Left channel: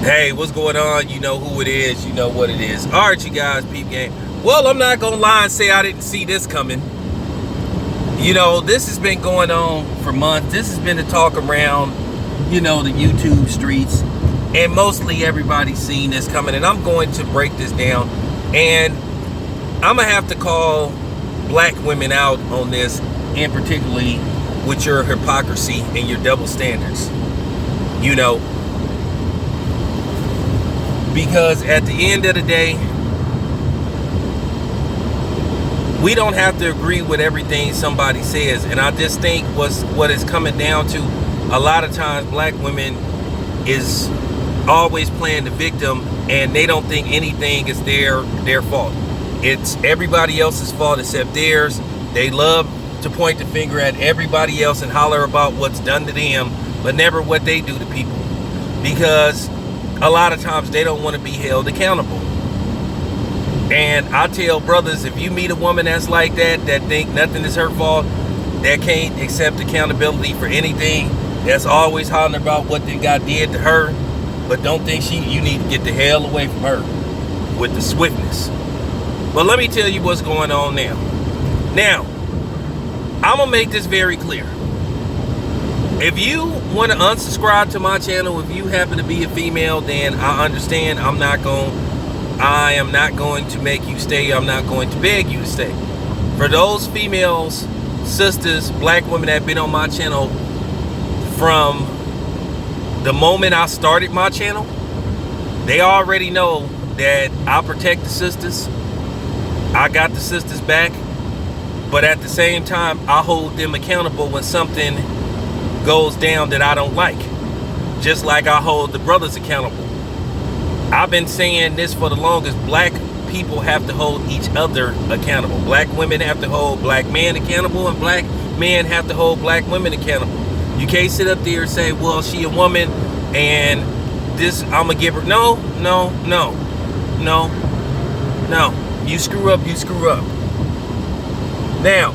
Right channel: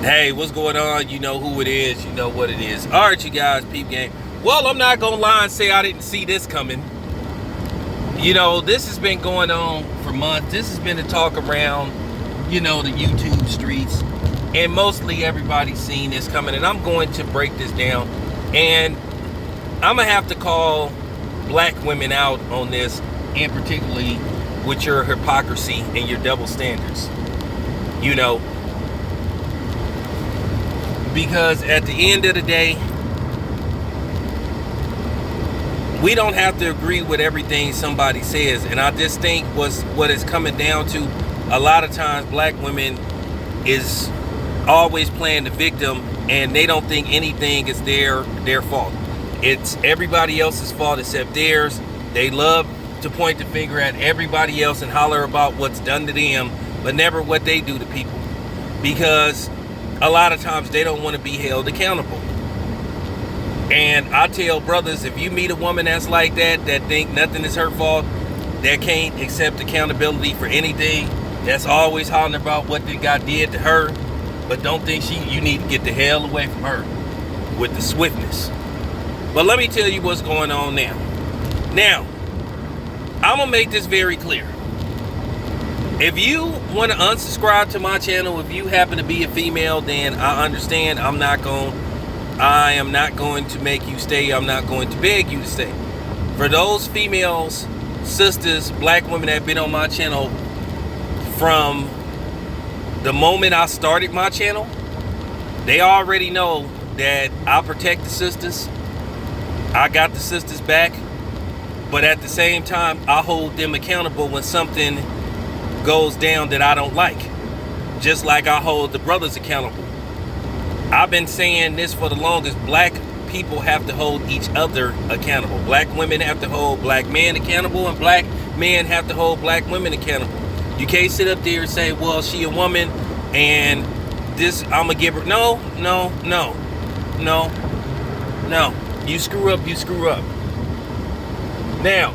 Hey, what's going on? You know who it is. You know what it is. All right, you guys, peep game. Well, I'm not going to lie and say I didn't see this coming. You know, this has been going on for months. This has been the talk around, the YouTube streets. And mostly everybody's seen this coming. And I'm going to break this down. And I'm going to have to call black women out on this. And particularly with your hypocrisy and your double standards. Because at the end of the day, we don't have to agree with everything somebody says. And I just think what it's coming down to, a lot of times black women is always playing the victim, and they don't think anything is their fault. It's everybody else's fault except theirs. They love to point the finger at everybody else and holler about what's done to them, but never what they do to people. Because a lot of times they don't want to be held accountable. And I tell brothers, if you meet a woman that's like that think nothing is her fault, that can't accept accountability for anything, that's always hollering about what they got did to her, but don't think you need to get the hell away from her with the swiftness. But let me tell you what's going on now. Now, I'm going to make this very clear. If you want to unsubscribe to my channel, if you happen to be a female, then I understand. I am not going to make you stay. I'm not going to beg you to stay. For those females, sisters, black women that have been on my channel from the moment I started my channel, they already know that I protect the sisters. I got the sisters back. But at the same time, I hold them accountable when something goes down that I don't like, just like I hold the brothers accountable. I've been saying this for the longest. Black people have to hold each other accountable. Black women have to hold black men accountable, and black men have to hold black women accountable. You can't sit up there and say, well, she a woman and this I'm gonna give her. No. You screw up, you screw up. Now,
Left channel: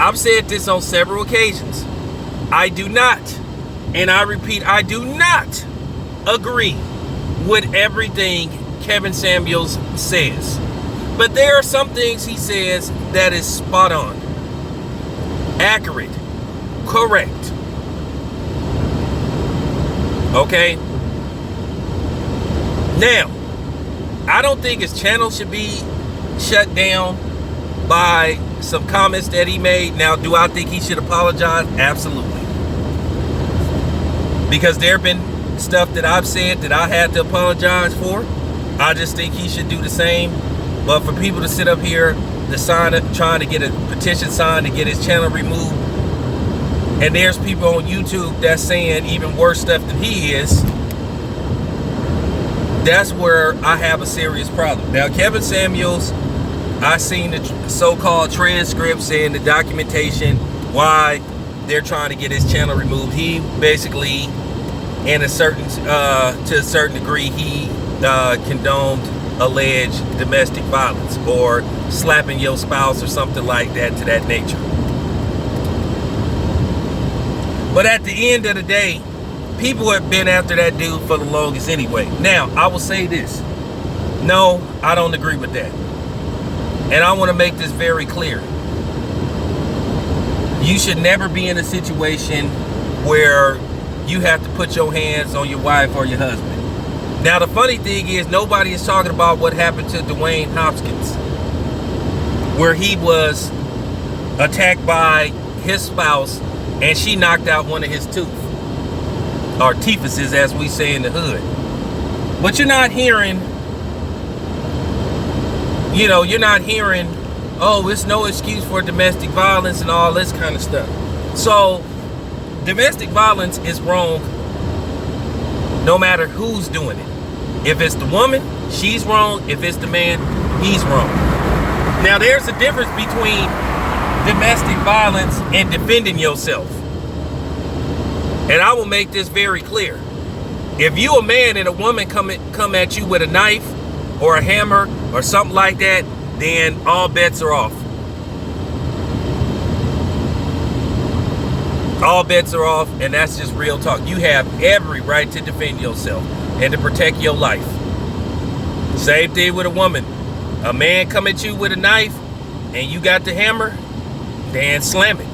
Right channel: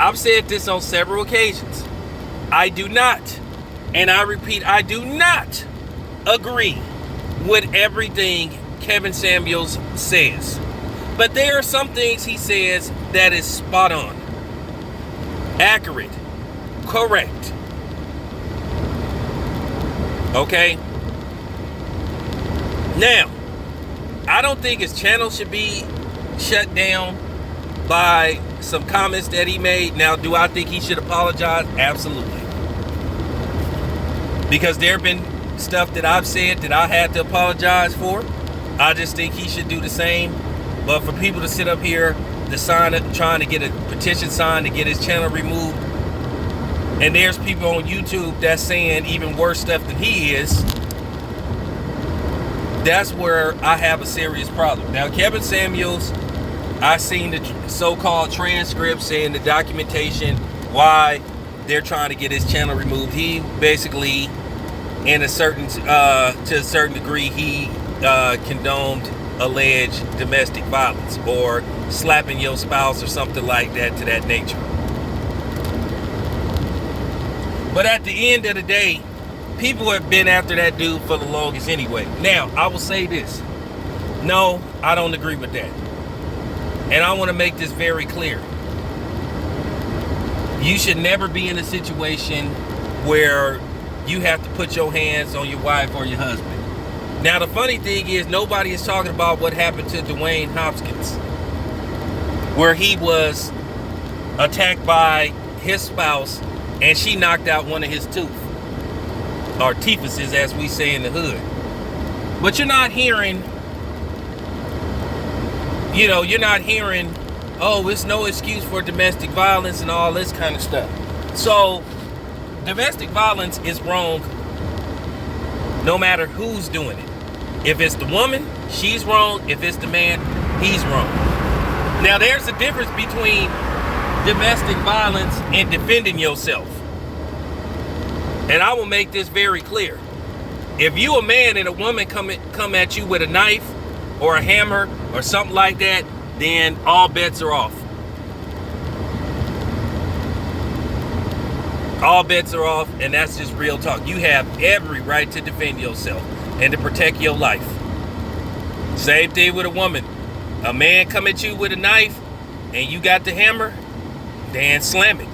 I've said this on several occasions. I do not, and I repeat, I do not agree with everything Kevin Samuels says. But there are some things he says that is spot on, accurate, correct. Okay? Now, I don't think his channel should be shut down by some comments that he made. Now, do I think he should apologize? Absolutely. Because there have been stuff that I've said that I had to apologize for. I just think he should do the same. But for people to sit up here to sign it, trying to get a petition signed to get his channel removed, and there's people on YouTube that's saying even worse stuff than he is, that's where I have a serious problem. Now, Kevin Samuels, I seen the so-called transcripts and the documentation why they're trying to get his channel removed. He basically, to a certain degree, he condoned alleged domestic violence or slapping your spouse or something like that to that nature. But at the end of the day, people have been after that dude for the longest anyway. Now, I will say this. No, I don't agree with that. And I want to make this very clear. You should never be in a situation where you have to put your hands on your wife or your husband. Now, the funny thing is, nobody is talking about what happened to Dwayne Hopkins, where he was attacked by his spouse and she knocked out one of his teeth, or teethuses as we say in the hood. But you're not hearing, oh, it's no excuse for domestic violence and all this kind of stuff. So, domestic violence is wrong no matter who's doing it. If it's the woman, she's wrong. If it's the man, he's wrong. Now, there's a difference between domestic violence and defending yourself. And I will make this very clear. If you a man and a woman come at you with a knife or a hammer or something like that, then all bets are off. all bets are off, and that's just real talk. You have every right to defend yourself and to protect your life. Same thing with a woman. A man come at you with a knife and you got the hammer, then slam it.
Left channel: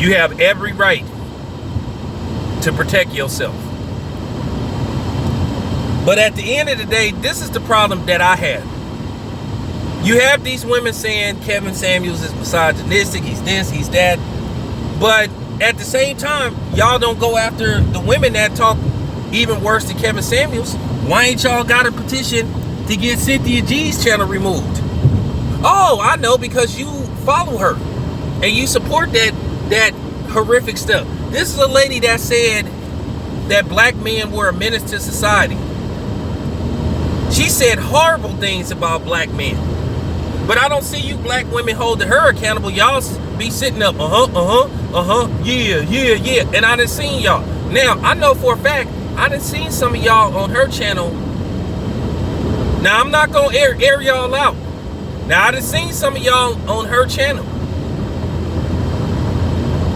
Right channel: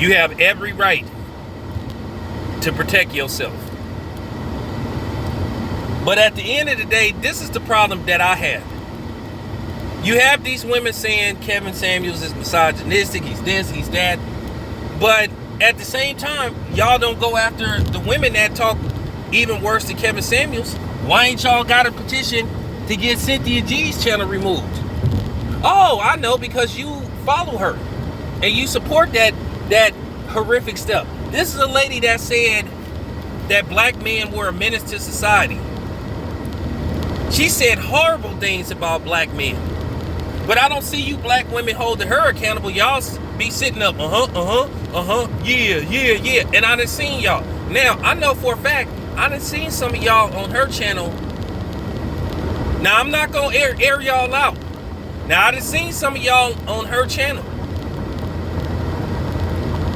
You have every right to protect yourself. But at the end of the day, this is the problem that I have. You have these women saying Kevin Samuels is misogynistic, he's this, he's that. But at the same time, y'all don't go after the women that talk even worse than Kevin Samuels. Why ain't y'all got a petition to get Cynthia G's channel removed? Oh, I know, because you follow her and you support that horrific stuff. This is a lady that said that black men were a menace to society. She said horrible things about black men. But I don't see you black women holding her accountable. Y'all be sitting up, yeah. And I done seen y'all. Now, I know for a fact, I done seen some of y'all on her channel. Now, I'm not gonna air y'all out. Now, I done seen some of y'all on her channel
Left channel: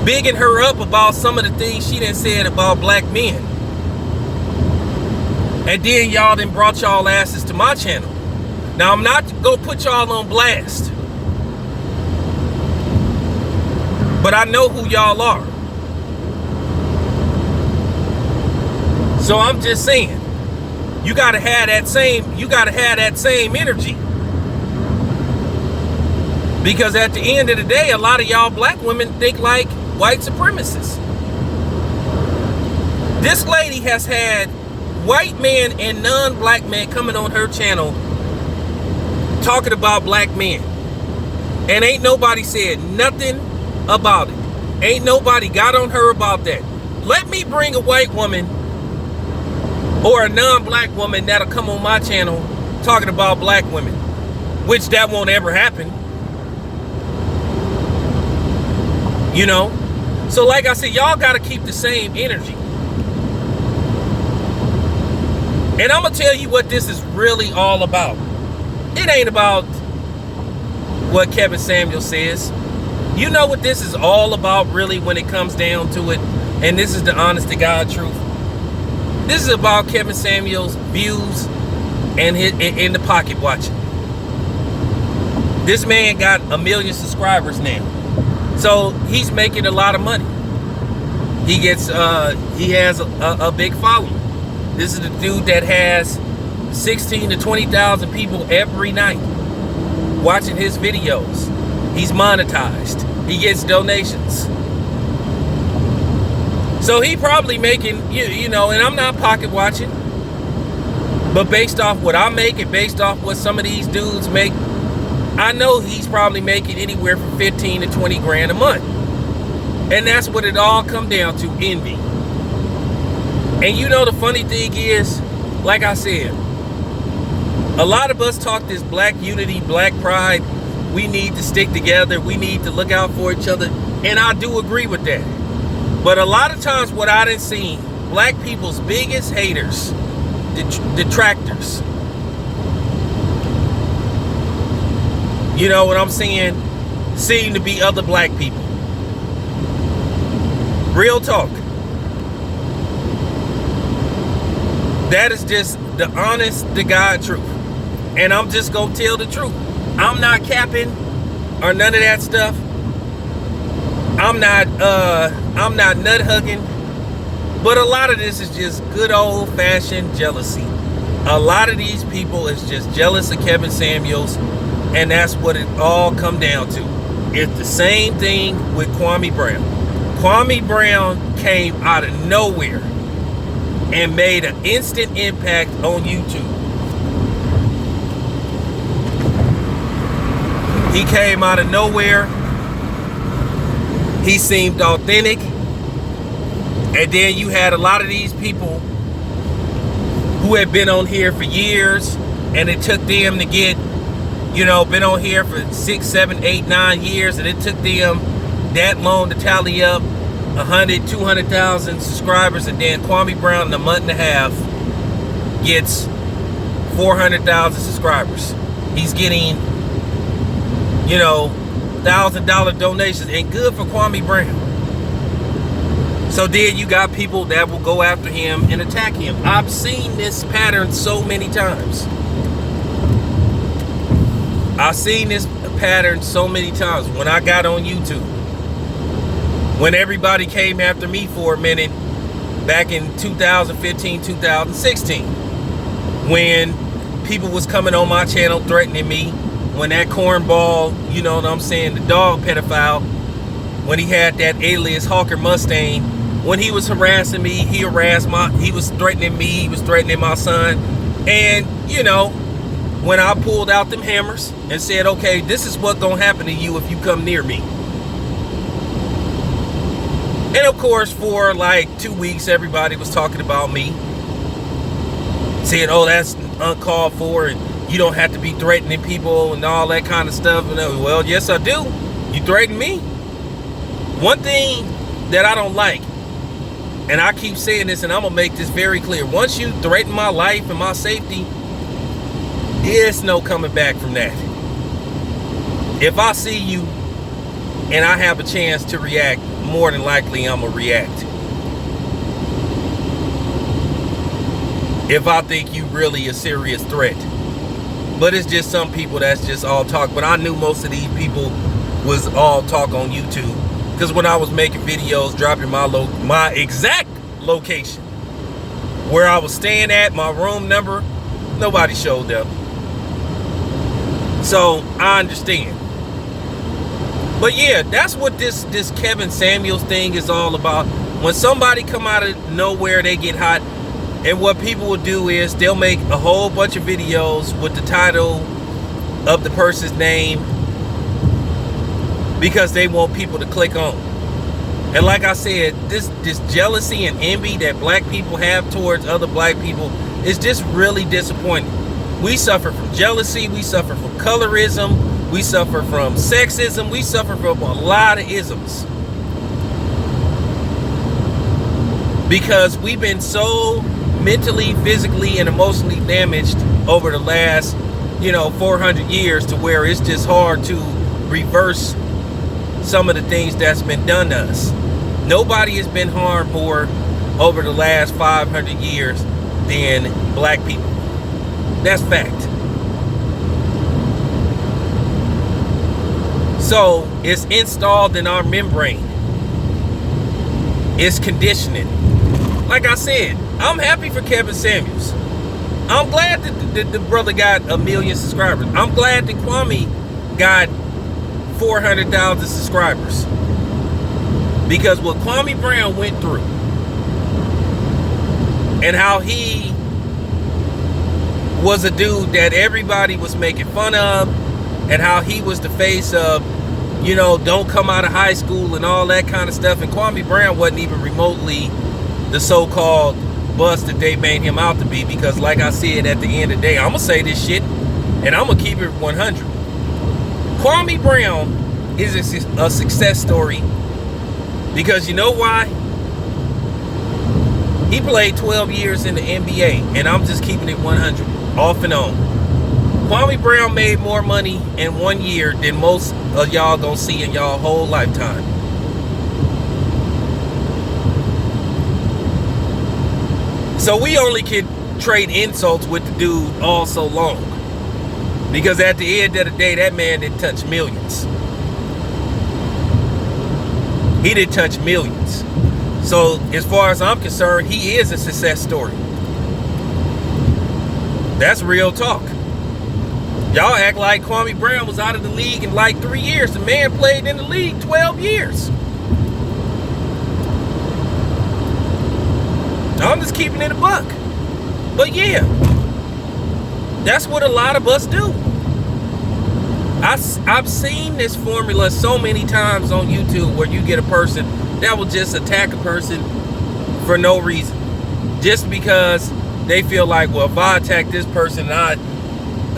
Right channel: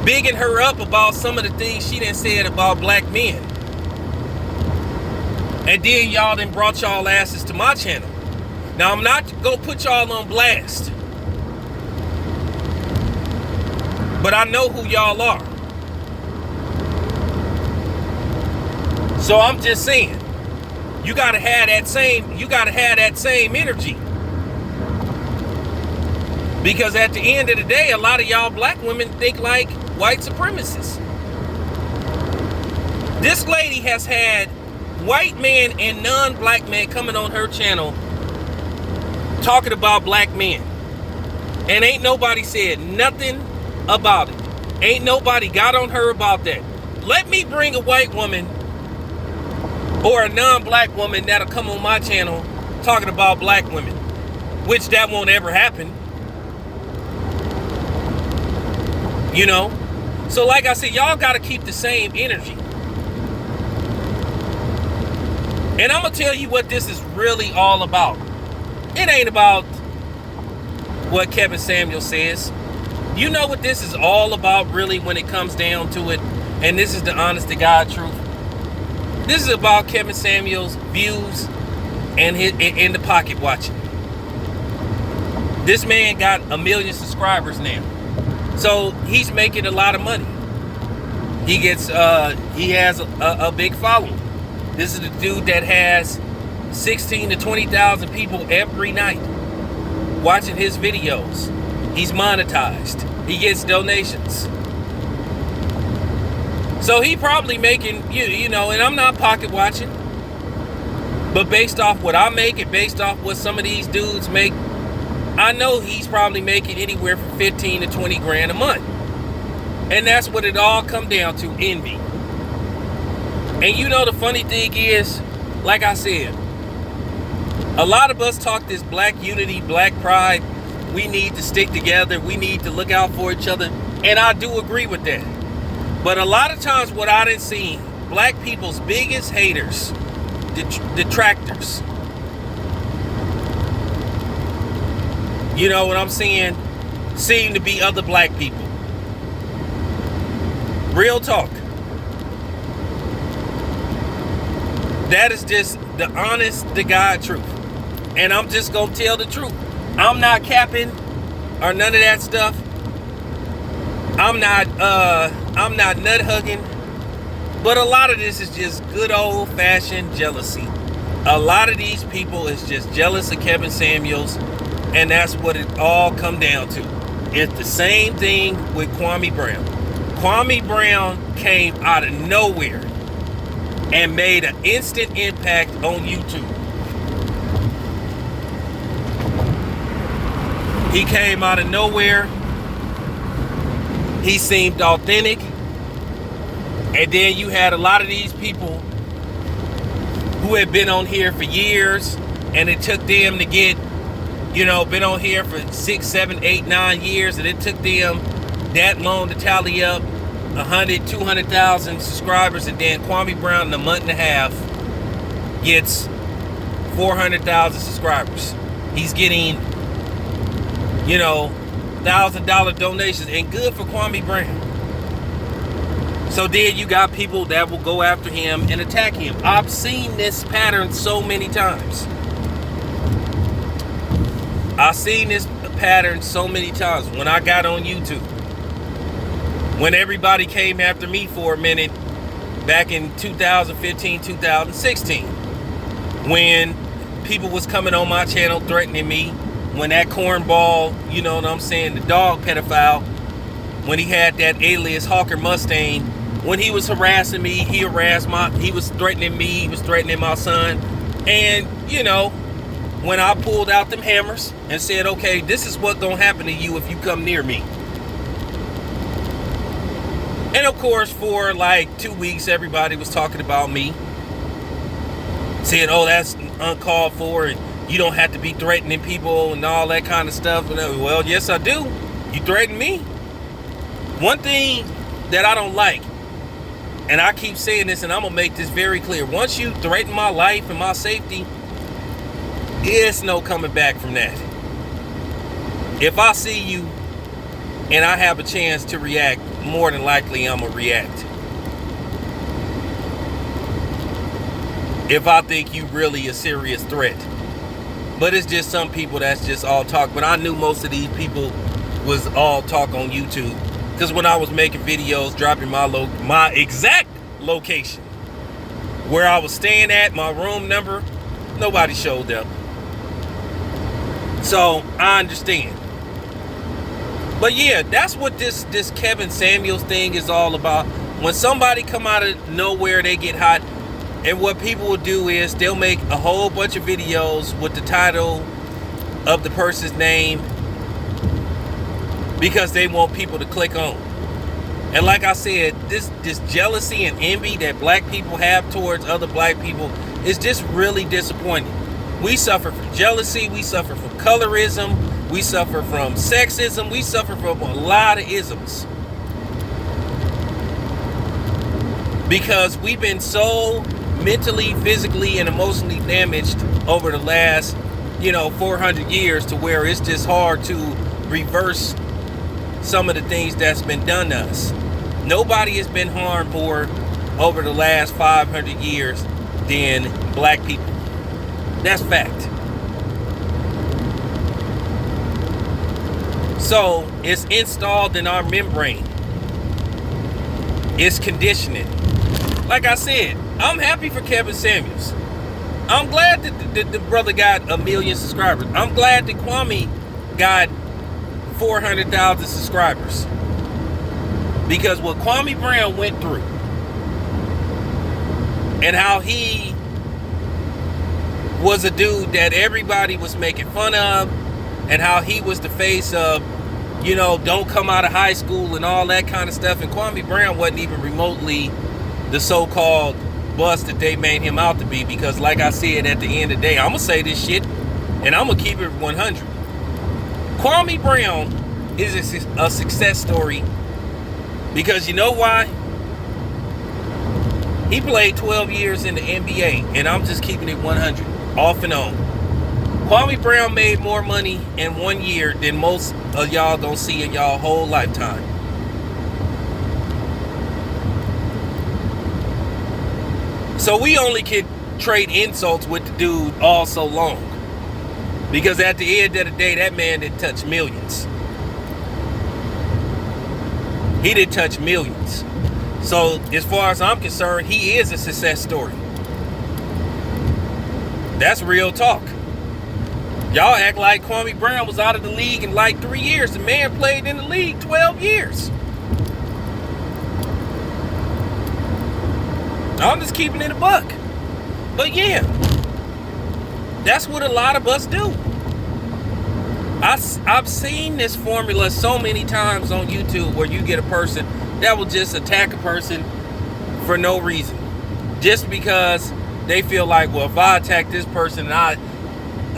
bigging her up about some of the things she done said about black men. And then y'all done brought y'all asses to my channel. Now, I'm not gonna put y'all on blast, but I know who y'all are. So I'm just saying, you gotta have that same energy. Because at the end of the day, a lot of y'all black women think like white supremacists. This lady has had white men and non-black men coming on her channel talking about black men, and ain't nobody said nothing about it. Ain't nobody got on her about that. Let me bring a white woman or a non-black woman that'll come on my channel talking about black women, which that won't ever happen. You know? So like I said, y'all gotta keep the same energy. And I'm gonna tell you what this is really all about. It ain't about what Kevin Samuels says. You know what this is all about really when it comes down to it. And this is the honest to God truth. This is about Kevin Samuels' views and in the pocket watching. This man got 1 million subscribers now. So he's making a lot of money. He has a big following. This is the dude that has 16 to 20,000 people every night watching his videos. He's monetized. He gets donations. So he probably making, you know, and I'm not pocket watching, but based off what I make and based off what some of these dudes make, I know he's probably making anywhere from 15 to 20 grand a month. And that's what it all come down to, envy. And you know the funny thing is, like I said, a lot of us talk this black unity, black pride. We need to stick together. We need to look out for each other. And I do agree with that. But a lot of times what I done seen, black people's biggest haters, detractors. You know what I'm saying? Seem to be other black people. Real talk. That is just the honest to God truth. And I'm just gonna tell the truth. I'm not capping or none of that stuff. I'm not nut hugging. But a lot of this is just good old fashioned jealousy. A lot of these people is just jealous of Kevin Samuels, and that's what it all come down to. It's the same thing with Kwame Brown. Kwame Brown came out of nowhere and made an instant impact on YouTube. He came out of nowhere. He seemed authentic. And then you had a lot of these people who had been on here for years, and it took them to get, you know, been on here for 6, 7, 8, 9 years, and it took them that long to tally up 100, 200,000 subscribers, and then Kwame Brown in a month and a half gets 400,000 subscribers. He's getting, you know, $1,000 donations, and good for Kwame Brown. So then you got people that will go after him and attack him. I've seen this pattern so many times. I've seen this pattern so many times when I got on YouTube. When everybody came after me for a minute back in 2015, 2016. When people was coming on my channel threatening me. When that cornball, you know what I'm saying, the dog pedophile, when he had that alias Hawker Mustang, when he was harassing me, he was threatening me, he was threatening my son. And, you know, when I pulled out them hammers and said, okay, this is what's gonna happen to you if you come near me. And of course, for like 2 weeks, everybody was talking about me. Saying, oh, that's uncalled for, and you don't have to be threatening people and all that kind of stuff. And well, yes, I do. You threaten me. One thing that I don't like, and I keep saying this, and I'm gonna make this very clear. Once you threaten my life and my safety, there's no coming back from that. If I see you and I have a chance to react, more than likely I'm gonna react. If I think you really a serious threat. But it's just some people that's just all talk. But I knew most of these people was all talk on YouTube. Because when I was making videos, dropping my exact location, where I was staying at, my room number, nobody showed up. So I understand. But yeah, that's what this Kevin Samuels thing is all about. When somebody come out of nowhere, they get hot. And what people will do is they'll make a whole bunch of videos with the title of the person's name because they want people to click on. And like I said, this jealousy and envy that black people have towards other black people is just really disappointing. We suffer from jealousy, we suffer from colorism, we suffer from sexism, we suffer from a lot of isms. Because we've been so mentally, physically, and emotionally damaged over the last, 400 years to where it's just hard to reverse some of the things that's been done to us. Nobody has been harmed more over the last 500 years than black people. That's fact. So it's installed in our membrane. It's conditioning. Like I said, I'm happy for Kevin Samuels. I'm glad that the brother got 1 million subscribers. I'm glad that Kwame got 400,000 subscribers. Because what Kwame Brown went through and how he was a dude that everybody was making fun of and how he was the face of, don't come out of high school and all that kind of stuff. And Kwame Brown wasn't even remotely the so-called bust that they made him out to be, because like I said, at the end of the day, I'm gonna say this shit and I'm gonna keep it 100. Kwame Brown is a success story because you know why? He played 12 years in the NBA, and I'm just keeping it 100, off and on. Kwame Brown made more money in 1 year than most of y'all gonna see in y'all whole lifetime. So we only could trade insults with the dude all so long. Because at the end of the day, that man didn't touch millions. He didn't touch millions. So as far as I'm concerned, he is a success story. That's real talk. Y'all act like Kwame Brown was out of the league in like 3 years. The man played in the league 12 years. I'm just keeping it a buck. But yeah, that's what a lot of us do. I've seen this formula so many times on YouTube where you get a person that will just attack a person for no reason. Just because they feel like, well, if I attack this person and I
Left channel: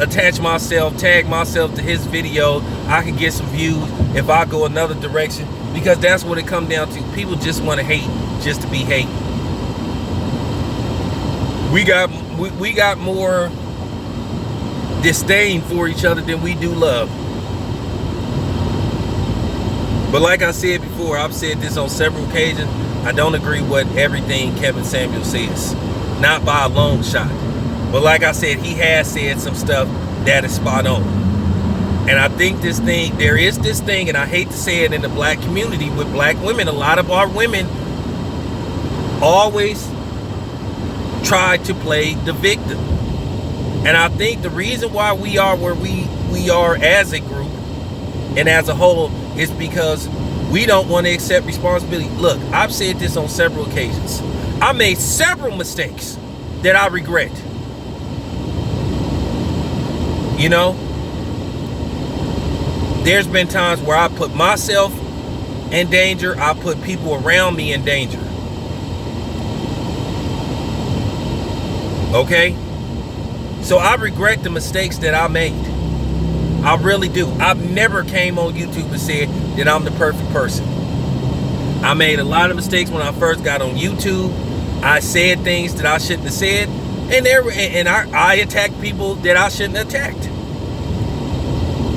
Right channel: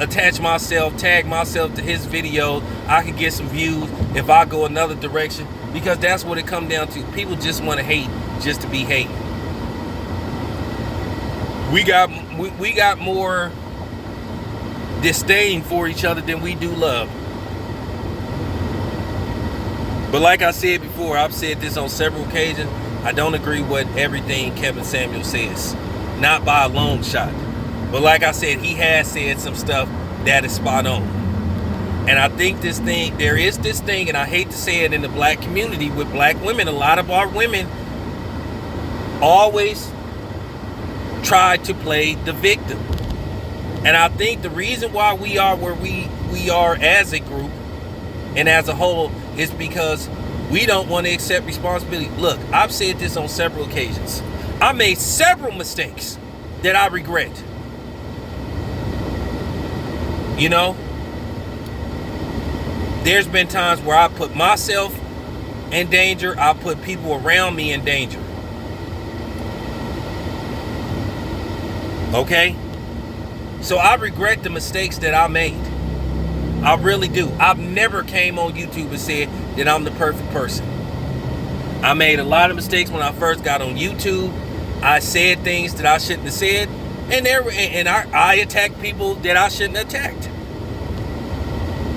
attach myself, tag myself to his video, I can get some views if I go another direction. Because that's what it comes down to. People just want to hate just to be hating. We got more disdain for each other than we do love. But like I said before, I've said this on several occasions, I don't agree with everything Kevin Samuel says. Not by a long shot. But like I said, he has said some stuff that is spot on. And I think there is this thing, and I hate to say it, in the black community with black women. A lot of our women always try to play the victim. And I think the reason why we are where we are as a group and as a whole is because we don't want to accept responsibility. Look, I've said this on several occasions. I made several mistakes that I regret. You know, there's been times where I put myself in danger. I put people around me in danger. Okay? So I regret the mistakes that I made. I really do. I've never came on YouTube and said that I'm the perfect person. I made a lot of mistakes when I first got on YouTube. I said things that I shouldn't have said, and I attacked people that I shouldn't have attacked.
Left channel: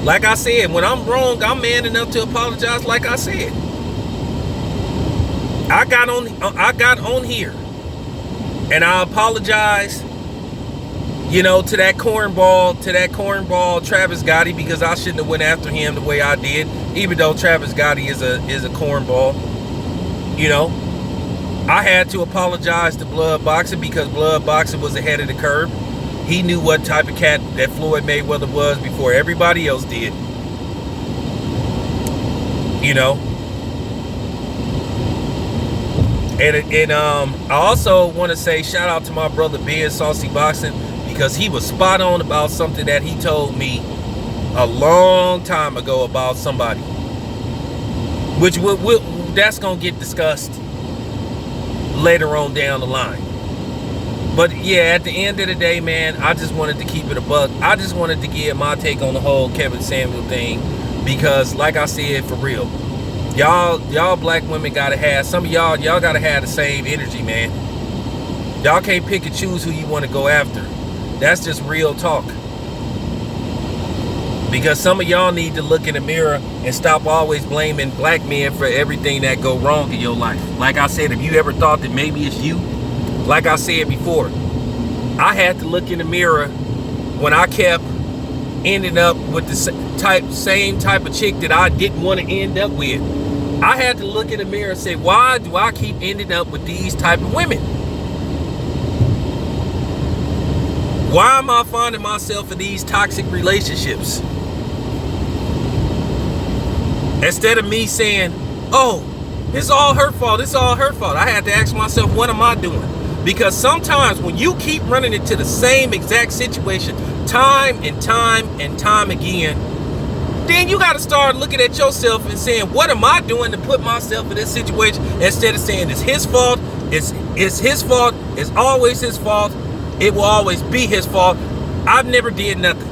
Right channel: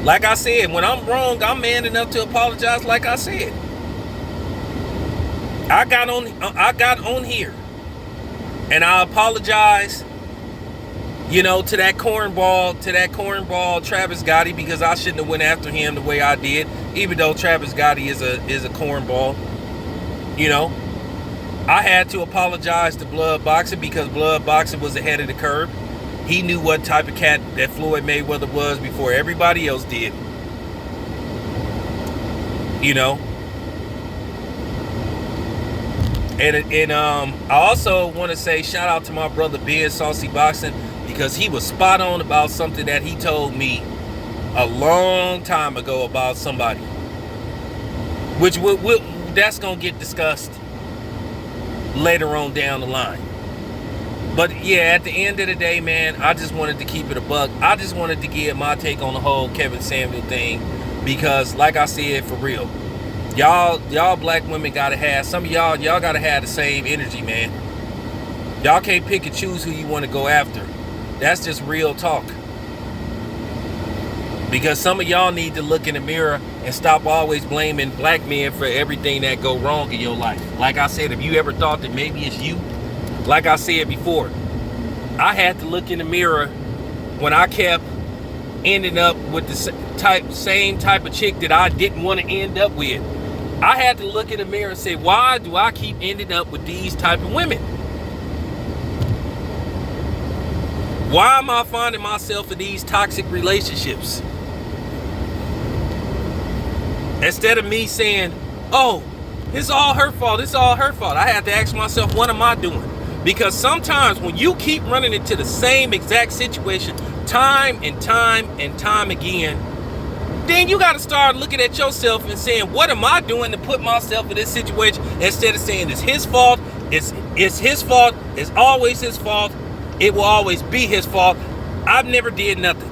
Like I said, when I'm wrong, I'm man enough to apologize. Like I said, I got on here, and I apologize. You know, to that cornball Travis Gotti, because I shouldn't have went after him the way I did, even though Travis Gotti is a cornball. You know, I had to apologize to Blood Boxing because Blood Boxing was ahead of the curve. He knew what type of cat that Floyd Mayweather was before everybody else did. You know, and I also want to say shout out to my brother Ben Saucy Boxing, because he was spot on about something that he told me a long time ago about somebody, which that's gonna get discussed later on down the line. But yeah, at the end of the day, man, I just wanted to keep it a buck. I just wanted to give my take on the whole Kevin Samuel thing, because like I said, for real, y'all black women gotta have, some of y'all gotta have the same energy, man. Y'all can't pick and choose who you want to go after. That's just real talk. Because some of y'all need to look in the mirror and stop always blaming black men for everything that go wrong in your life. Like I said, if you ever thought that maybe it's you, like I said before, I had to look in the mirror when I kept ending up with the same type of chick that I didn't want to end up with. I had to look in the mirror and say, why do I keep ending up with these type of women? Why am I finding myself in these toxic relationships? Instead of me saying, oh, it's all her fault, it's all her fault, I had to ask myself, what am I doing? Because sometimes when you keep running into the same exact situation time and time and time again, then you got to start looking at yourself and saying, what am I doing to put myself in this situation? Instead of saying it's his fault, it's his fault, it's always his fault, it will always be his fault. I've never did nothing.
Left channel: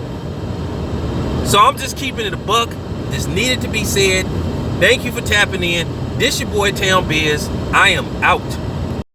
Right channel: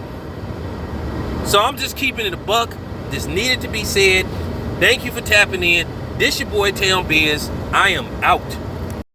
So I'm just keeping it a buck. This needed to be said. Thank you for tapping in. This your boy Town Biz. I am out.